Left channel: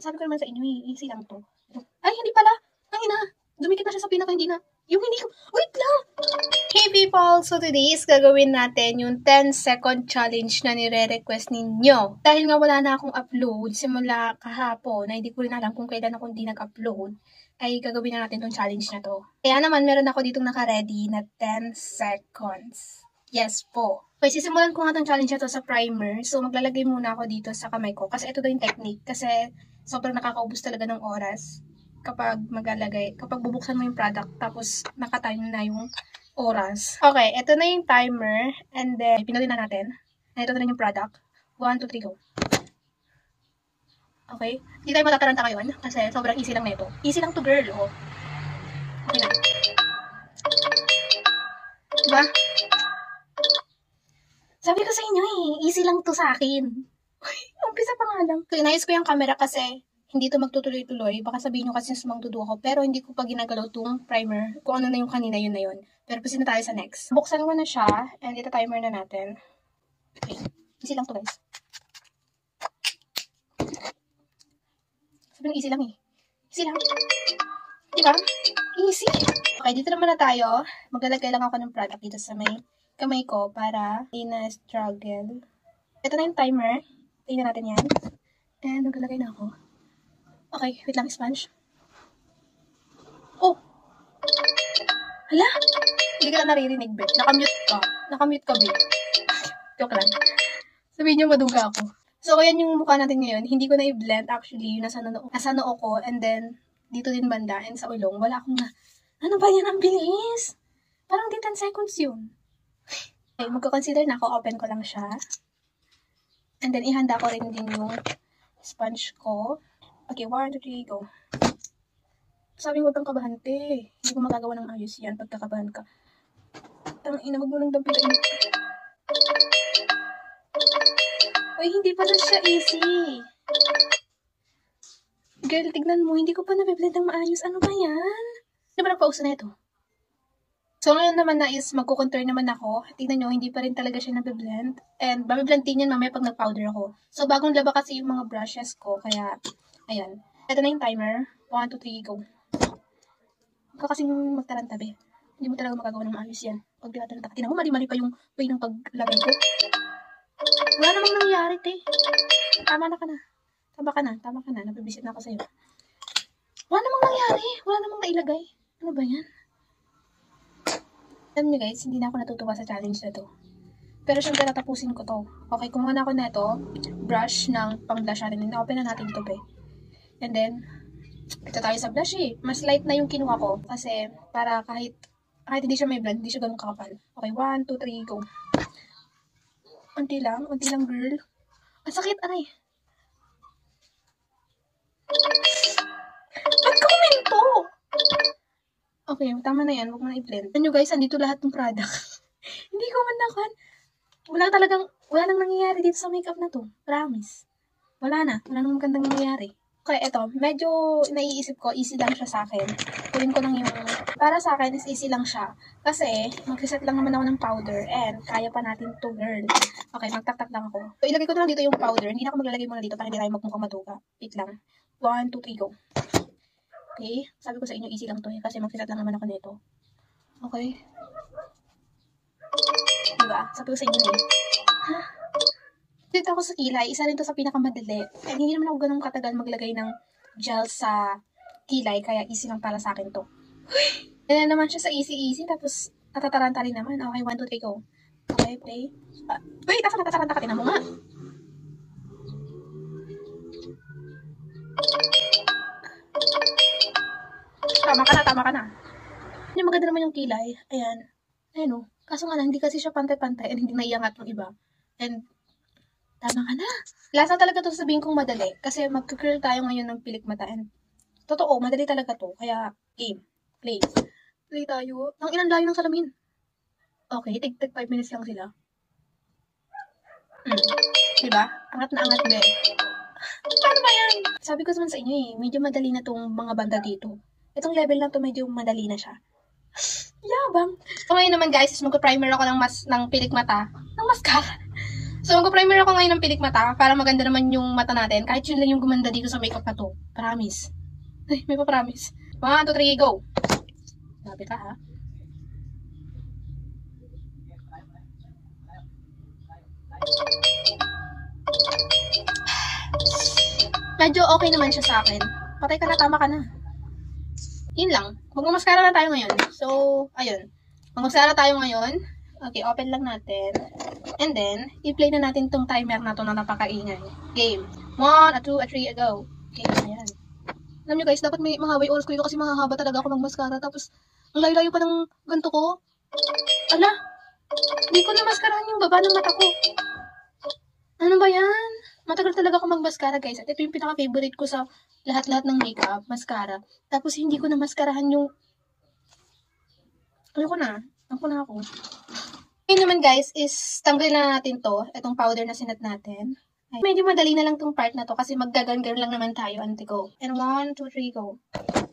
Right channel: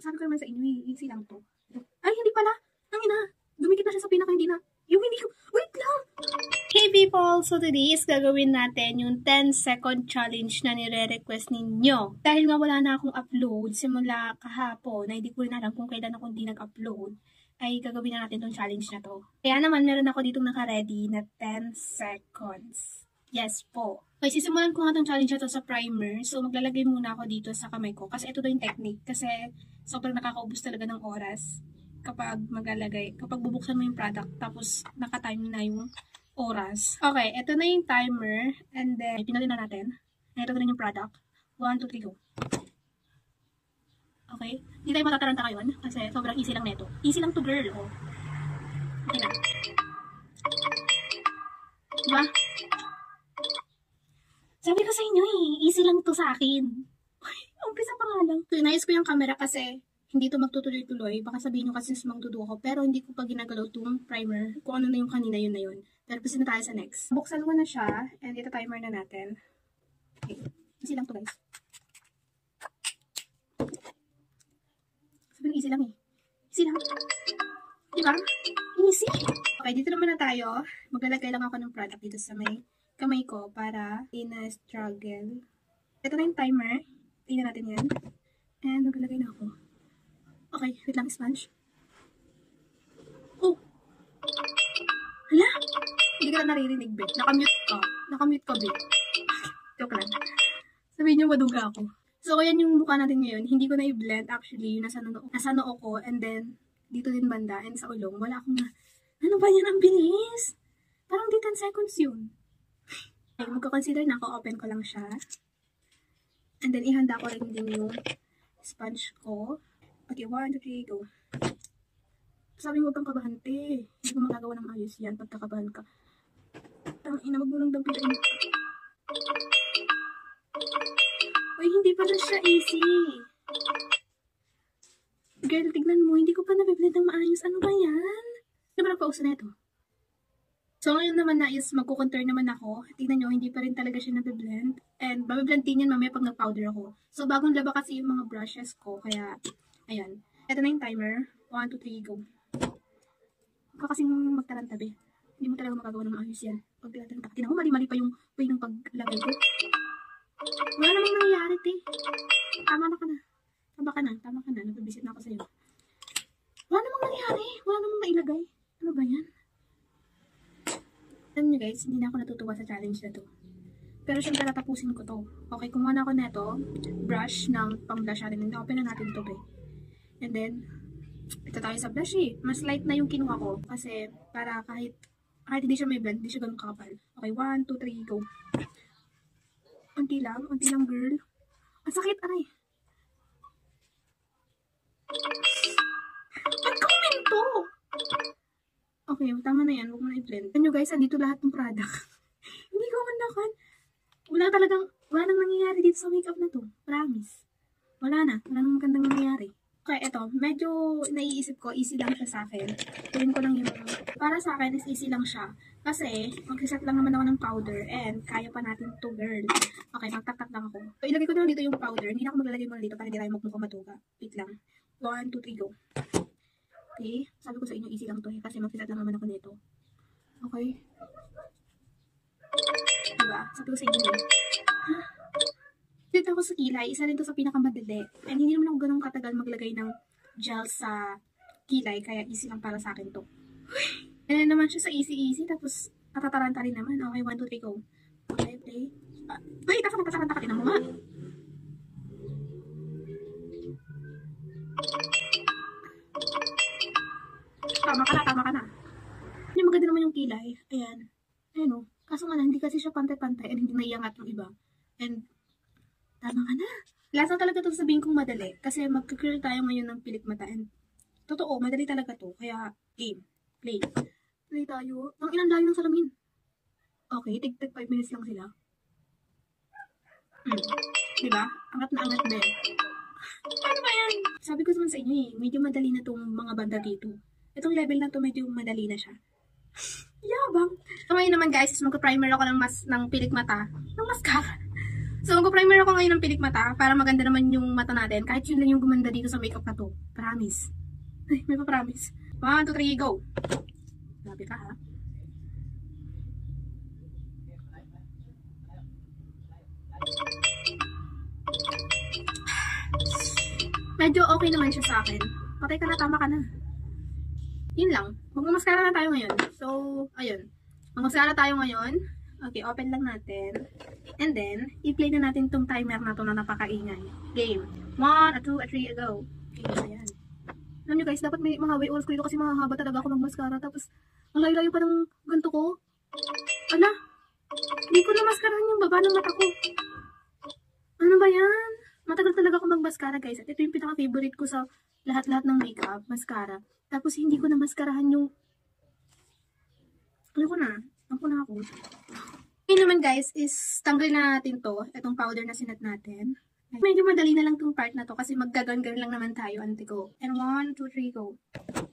Sabi ko naman sa inyo easy lang to. Ay, hindi pala. Ang ina, dumikit na siya sa pinaka, hindi na. Yung hindi ko, wait lang. Hey people, so today is gagawin natin yung 10-second challenge na nire-request ninyo. Dahil nga wala na akong upload simula kahapon, na hindi ko rin alam kung kailan ako hindi nag-upload, ay gagawin na natin tong challenge na to. Kaya naman, meron ako ditong naka-ready na 10 seconds. Yes po. Okay, sisimulan ko nga itong challenge na to sa primer. So, maglalagay muna ako dito sa kamay ko. Kasi ito daw yung technique. Kasi sobrang nakakaubos talaga ng oras kapag maglalagay. Kapag bubuksan mo yung product, tapos nakatime na yung oras. Okay, ito na yung timer. And then, pinali na natin. And ito na yung product. 1, 2, 3, go. Okay? Hindi tayo matataranta ngayon. Kasi sobrang easy lang nito. Easy lang to, girl. Oh. Okay lang. Diba? Sabi ko sa inyo easy lang to sa akin. Umpisa pa nga lang. So, inayos ko yung camera kasi hindi to magtutuloy-tuloy. Baka sabihin nyo kasi sumangdudo ako. Pero hindi ko pa ginagalaw tong primer. Kung ano na yung kanina, yun na yun. Pero proceed na tayo sa next. Buksan ko na siya. And ito timer na natin. Okay. Easy lang to, guys. Sabi nyo, easy lang eh. Easy lang. Diba? Easy. Okay, dito naman na tayo. Maglalagay lang ako ng product dito sa may kamay ko para hindi na struggle. Ito na yung timer. Tingnan natin yan. And maglalagay na ako. Okay, wait lang, sponge. Oh! Hala? Hindi ka na naririnig, be. Nakamute ka. Nakamute ka, be. Joke lang. Sabihin nyo, maduga ako. So, ayan yung mukha natin ngayon. Hindi ko na i-blend actually. Yung nasa noo ko. And then, dito din banda. And sa ulong. Wala akong na. Ano ba yan? Ang bilis! Parang di 10 seconds yun. Okay, magko-consider na ako. Open ko lang siya. And then, ihanda ko rin din yung sponge ko. Okay, 1, 2, 3, go. Sabi mo, huwag kang kabahan, te. Hindi ko magagawa ng ayos yan pag kakabahan ka. Tangina, wag mo lang dampitain. Uy, hindi pa rin siya easy. Girl, tignan mo, hindi ko pa nabiblend ng maayos. Ano ba yan? Di ba nagpauso na ito? So, ngayon naman na is magkukontour naman ako. Tingnan nyo, hindi pa rin talaga siya nabiblend. And mabiblend din yan mamaya pag nag-powder ako. So, bagong laba kasi yung mga brushes ko. Kaya, ayan. Ito na yung timer. 1, 2, 3, go. Huwag ka kasing magtarantabi. Hindi mo talaga magagawa ng maayos yan. Pag tinataranta ka, tingnan mo, mali-mali pa yung way ng paglagay ko. Wala namang nangyari, te. Tama na ka na. Tama ka na. Tama ka na. Nabibisit na ako sa'yo. Wala namang nangyari. Wala namang nailagay. Ano ba yan? Alam nyo guys, hindi na ako natutuwa sa challenge na to. Pero syempre tatapusin ko to. Okay, kumuha na ako na ito. Brush ng pang-blush natin. Na-open na natin ito, be. And then, ito tayo sa blush eh. Mas light na yung kinuha ko. Kasi, para kahit hindi siya may blend, hindi siya ganun kakapal. Okay, 1, 2, 3, go. Unti lang, girl. Ang sakit, aray. Ba't ka kuminto? Okay, tama na yan. Huwag mo na i-blend. Ano guys, andito lahat ng product. Hindi ko man nakan. Wala nang nangyayari dito sa makeup na to. Promise. Wala nang magandang nangyayari. Okay, eto. Medyo naiisip ko, easy lang siya sa akin. Tuwin ko lang yung, para sa akin is easy lang siya. Kasi, mag-reset lang naman ako ng powder and kaya pa natin to, girl. Okay, magtaktak lang ako. So, ilagay ko na lang dito yung powder. Hindi na ako maglalagay muna dito para hindi tayo magmukhang matuka. Wait lang. 1, 2, 3, go. Okay, sabi ko sa inyo, easy lang to eh, kasi mag-reset lang naman ako nito. Okay. Diba? Sabi ko sa inyo eh. Huh? Dito ako sa kilay, isa rin to sa pinakamadali. And hindi naman ako ganun katagal maglagay ng gel sa kilay, kaya easy lang para sa akin to. Ganyan naman siya sa easy-easy, tapos natataranta rin naman. Okay, 1, 2, 3, go. Okay, play. Wait, asa natataranta ka? Tinan mo nga. Tama ka na. Hindi maganda naman yung kilay. Ayan. Ayan o. Kaso nga lang, hindi kasi siya pantay-pantay and hindi naiangat ng iba. And, tama ka na. Last na talaga to sabihin kong madali. Kasi mag-curl tayo ngayon ng pilik mata. And, totoo, madali talaga to. Kaya, game. Play. Play tayo. Ang ilang layo ng salamin. Okay, tig 5 minutes lang sila. Diba? Angat na angat, be. Paano ba yan? Sabi ko naman sa inyo eh, medyo madali na tong mga banda dito. Itong level na to medyo madali na siya. Yabang. So ngayon naman guys, is magka-primer ako ng pilik mata. Ng mascara. So, mag-primer ako ngayon ng pilik mata para maganda naman yung mata natin. Kahit yun lang yung gumanda dito sa makeup na to. Promise. Ay, may pa-promise. 1, 2, 3, go! Sabi ka, ha? Medyo okay naman siya sa akin. Patay ka na, tama ka na. Yun lang. Mag-mascara na tayo ngayon. So, ayun. Mag-mascara tayo ngayon. Okay, open lang natin. And then, i-play na natin tong timer na to na napakaingay. Game. 1, 2, 3, go. Okay, ayan. Alam nyo guys, dapat may mahaba yung oras ko dito kasi mahahaba talaga ako mag-mascara. Tapos, ang layo-layo pa ng ganito ko. Ala, hindi ko na maskarahan yung baba ng mata ko. Ano ba yan? Matagal talaga ako mag-mascara guys. At ito yung pinaka-favorite ko sa lahat-lahat ng makeup, mascara. Tapos hindi ko na maskarahan yung... Ayoko na. Ako na ako. Ngayon naman guys is tanggalin na natin to. Itong powder na sinat natin. Ay, medyo madali na lang tong part na to kasi maggagan-gan lang naman tayo, ante ko. And 1, 2, 3, go.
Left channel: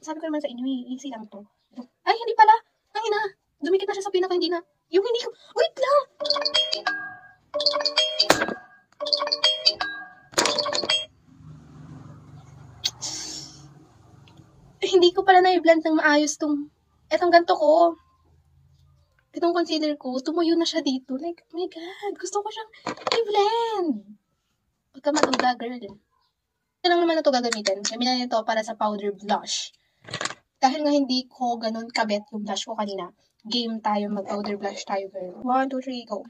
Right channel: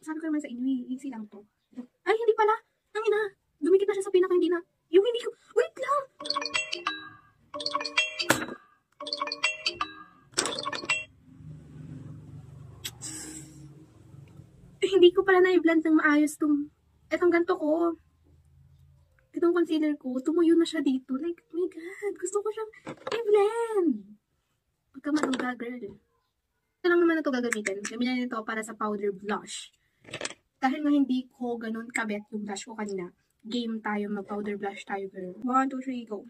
Sabi ko naman sa inyo, easy lang to. Ay, hindi pala. Ang ina. Dumikit na siya sa pinaka, hindi na. Yung hindi ko... Wait lang! Hindi ko pala na-blend ng maayos etong ganto ko. Itong concealer ko, tumuyo na siya dito. Like, oh my God, gusto ko siyang i-blend. Pagka maduga, girl. Ito lang naman na ito gagamitin. Gamitin ito para sa powder blush. Dahil nga hindi ko ganun kabet yung blush ko kanina, game tayo, mag-powder blush tayo, girl. 1, 2, 3, go.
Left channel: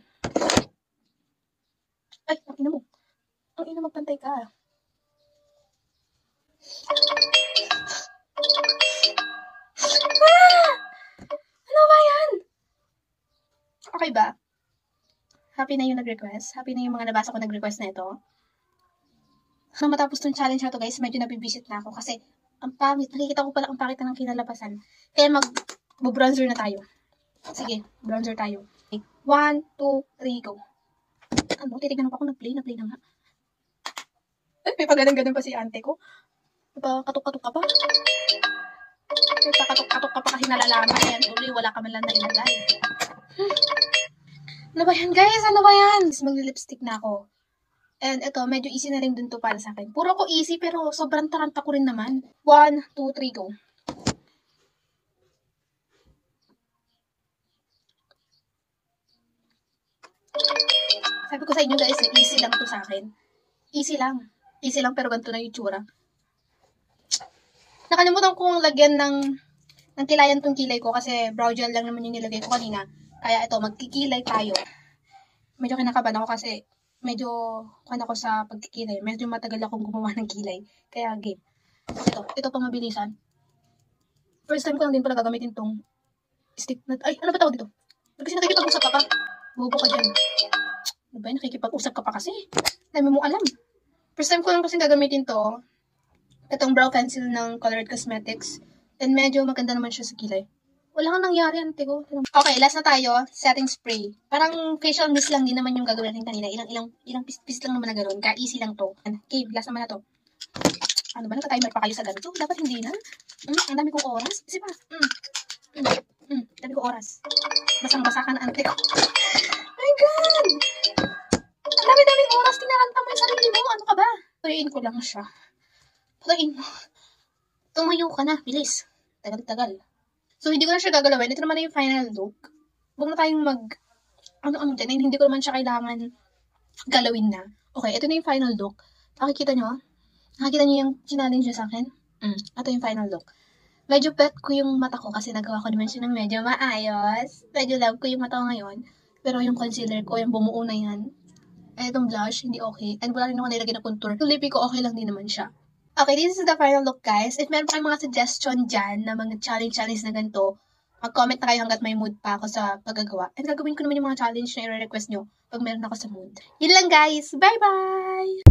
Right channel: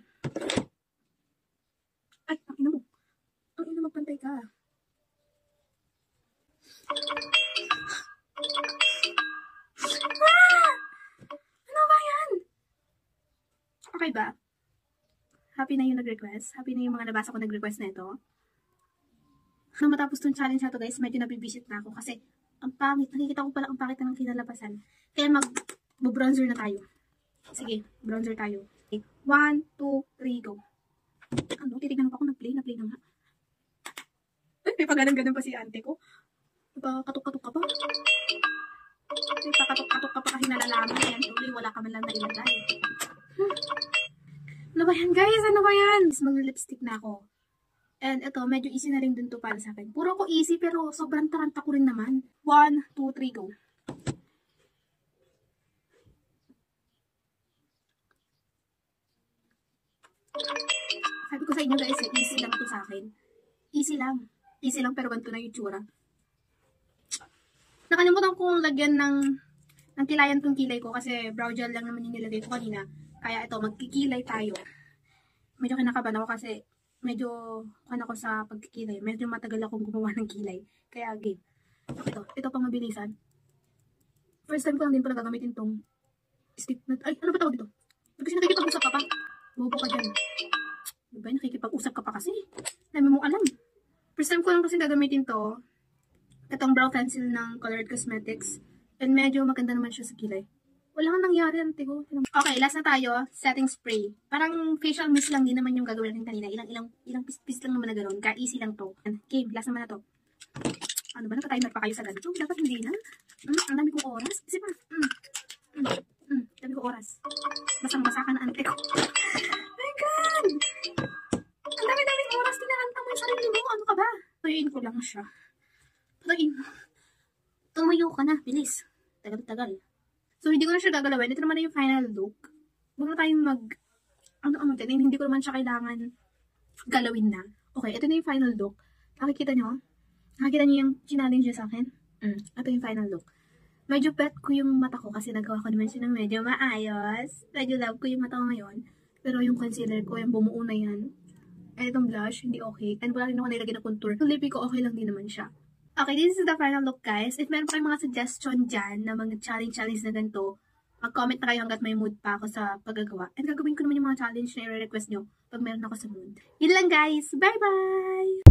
Ay, ang ina mo. Ang ina, magpantay ka. Ano ba yan? Okay ba? Happy na yung nag-request? Happy na yung mga nabasa ko nag-request na ito? Nung matapos tong challenge na to guys, medyo nabibisit na ako kasi ang pangit. Nakikita ko pala ang pangit na ng kinalabasan. Kaya mag-bronzer na tayo. Sige, bronzer tayo. Okay. 1, 2, 3, go. Ano? Titignan mo pa ako nag-play na nga. Ay, may pag-ganang-ganan pa si ante ko. May pa-katok-katok ka pa. May pa-katok-katok ka pa kasi nalalaman. Ayan, tuloy, wala ka man lang nailagay. Ano ba yan, guys? Ano ba yan? Mag-lipstick na ako. And ito, medyo easy na rin dun to para sa akin. Puro ko easy, pero sobrang taranta ko rin naman. 1, 2, 3, go. Sabi ko sa inyo guys, easy lang to sa akin. Easy lang. Easy lang, pero ganito na yung tsura. Nakalimutan kong lagyan ng kilayan tong kilay ko kasi brow gel lang naman yung nilagay ko kanina. Kaya ito, magkikilay tayo. Medyo kinakabahan ako kasi medyo ako sa pagkikilay. Medyo matagal akong gumawa ng kilay. Kaya game. Ito pang mabilisan. First time ko lang din pala gagamitin tong stick na... Ay, ano ba tawag dito? Kasi nakikipag-usap ka pa. Bobo ka dyan. Ano ba yun? Nakikipag-usap ka pa kasi. Dami mong alam. First time ko lang kasi gagamitin to. Itong brow pencil ng Colored Cosmetics. And medyo maganda naman siya sa kilay. Wala kang nangyari, ante ko. Okay, last na tayo. Setting spray. Parang facial mist lang din naman yung gagawin natin kanina. Ilang pis lang naman na gano'n. Kaya easy lang to. Okay, last naman na to. Ano ba? Naka-timer pa kayo sa ganito? Dapat hindi na. Ang dami kong oras. Kasi pa. Dami kong oras. Basang-basa ka na, ante ko. My God! Ang dami-daming oras. Tinaranta mo yung sarili mo. Ano ka ba? Tuyuin ko lang siya. Patayin mo. Tumayo ka na. Bilis. Tagal-tagal. So, hindi ko na siya gagalawin. Ito naman na yung final look. Huwag na tayong ano dyan. Hindi ko naman siya kailangan galawin na. Okay, ito na yung final look. Nakikita nyo? Nakikita nyo yung challenge niya sa akin? Ito yung final look. Medyo pet ko yung mata ko kasi nagawa ko naman siya ng medyo maayos. Medyo love ko yung mata ko ngayon. Pero yung concealer ko, yung bumuo na yan. Eh, itong blush, hindi okay. And wala rin ako nilagay na contour. Yung lippy ko, okay lang din naman siya. Okay, this is the final look, guys. If meron pa kayong mga suggestion dyan na mga challenge na ganito, mag-comment na kayo hanggat may mood pa ako sa paggagawa. And gagawin ko naman yung mga challenge na i-request nyo pag meron ako sa mood. Yun lang, guys. Bye-bye!